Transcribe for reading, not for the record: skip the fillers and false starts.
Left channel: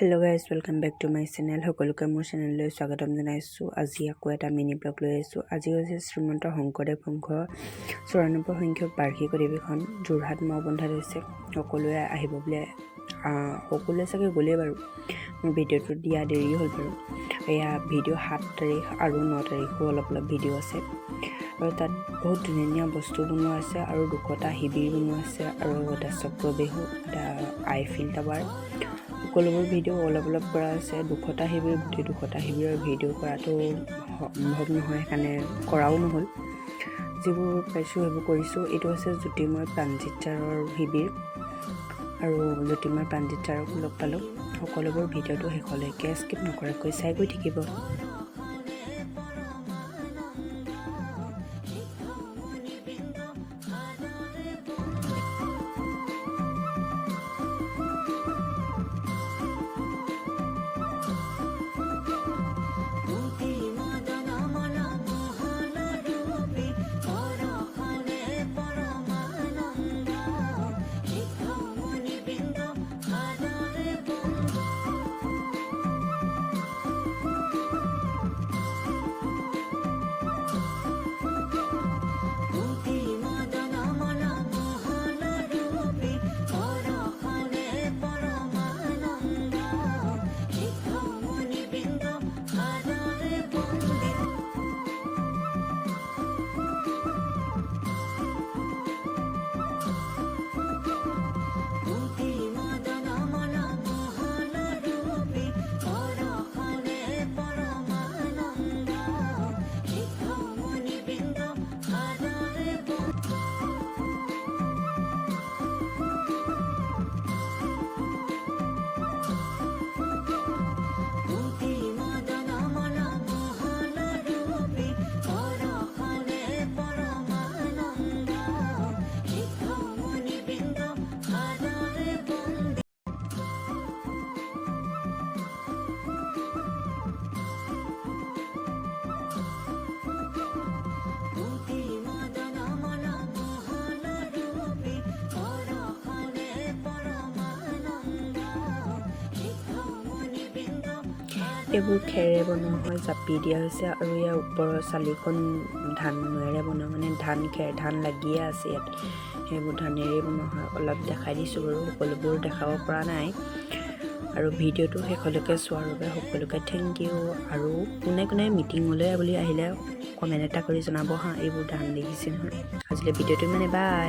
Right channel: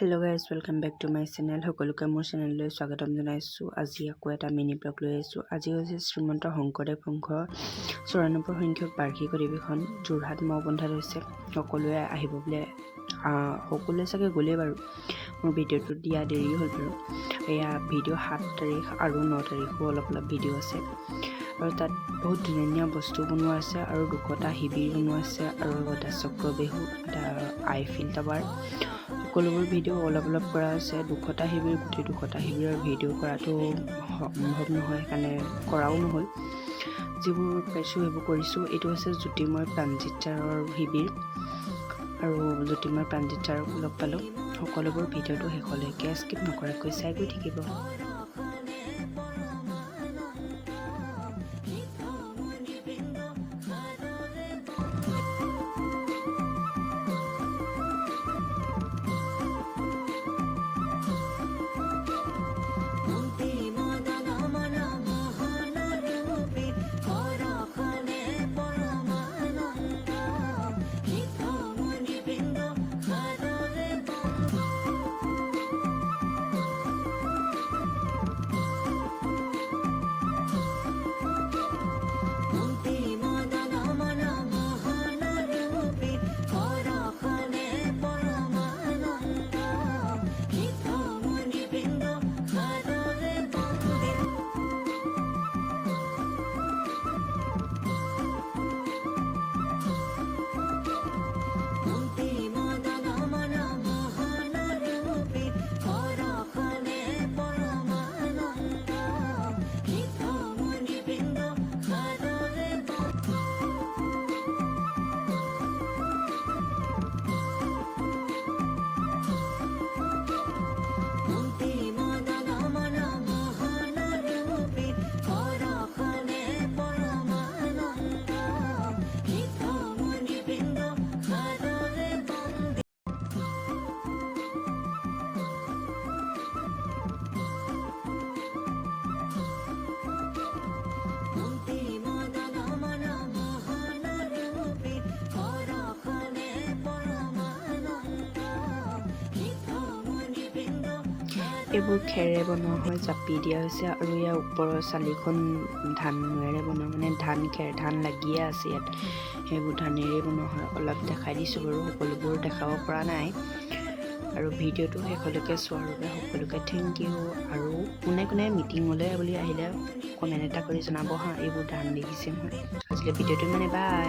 Hello' guys welcome back to my channel. সকলোকে মোৰ চেনেললৈ স্বাগতম জনাইছোঁ। আজি আকৌ এটা মিনি ব্লগ লৈ আহিছোঁ। আজি হৈছে শ্ৰীমন্ত শংকৰদেৱ সংঘৰ 94 সংখ্যক বাৰ্ষিক অধিৱেশন যোৰহাট মৌবন্ধাত হৈছে। সকলোৱে আহিব বোলে, সকলোৱে চাগে গ'লেই বাৰু। মোৰ ভিডিঅ'টো দিয়া দেৰি হ'ল বাৰু। এয়া ভিডিঅ' 7 তাৰিখ আৰু 9 তাৰিখো অলপ ভিডিঅ' আছে, আৰু তাত বহুত ধুনীয়া বস্তু বনোৱা আছে, আৰু 2টা শিবিৰ বনোৱা আছে, আৰু এটা চক্ৰবেহু, এটা আইফিল টাৱাৰ, সকলোবোৰ ভিডিঅ' অলপ কৰা আছে। 2টা শিবিৰ, গোটেই 2টা শিবিৰৰ ভিডিঅ' কৰাটো সম্ভৱ নহয়, সেইকাৰণে কৰাও নহ'ল। যিবোৰ পাইছোঁ সেইবোৰ কৰিছোঁ। এইটো হৈছে জ্যোতিৰ্ময় প্ৰাণজিৎ ছাৰৰ শিবিৰ, আৰু জ্যোতিৰ্ময় প্ৰাণজিৎ ছাৰক লগ পালোঁ। সকলোবোৰ ভিডিঅ'টো শেষলৈকে স্কিপ নকৰাকৈ চাই গৈ থাকিব। এইবোৰ খেৰে বনোৱা হয়, জাপি দিয়া হৈছে, আৰু ইয়াৰ ওপৰৰ চালিখন ধানেৰে বনোৱা, মানে ধান লাগিয়ে আছে ইয়াত, সেইবোৰ ধানেৰে বনোৱা হয়। অলপ দেখাই দিছোঁ বাৰু, সকলোবোৰ দেখাব পৰা নাই। আৰু ভিডিঅ'টো শেষলৈকে চোৱাৰ বাবে সকলোকে থেংক ইউ। আৰু কোনে কোনে মিটিঙলৈ বুলি আহিলে কমেণ্ট এটা কৰি জনাব হা, এইবোৰ ধান দেখিছে নহয়। আজিলৈ ভিডিঅ'টো মানে বাই।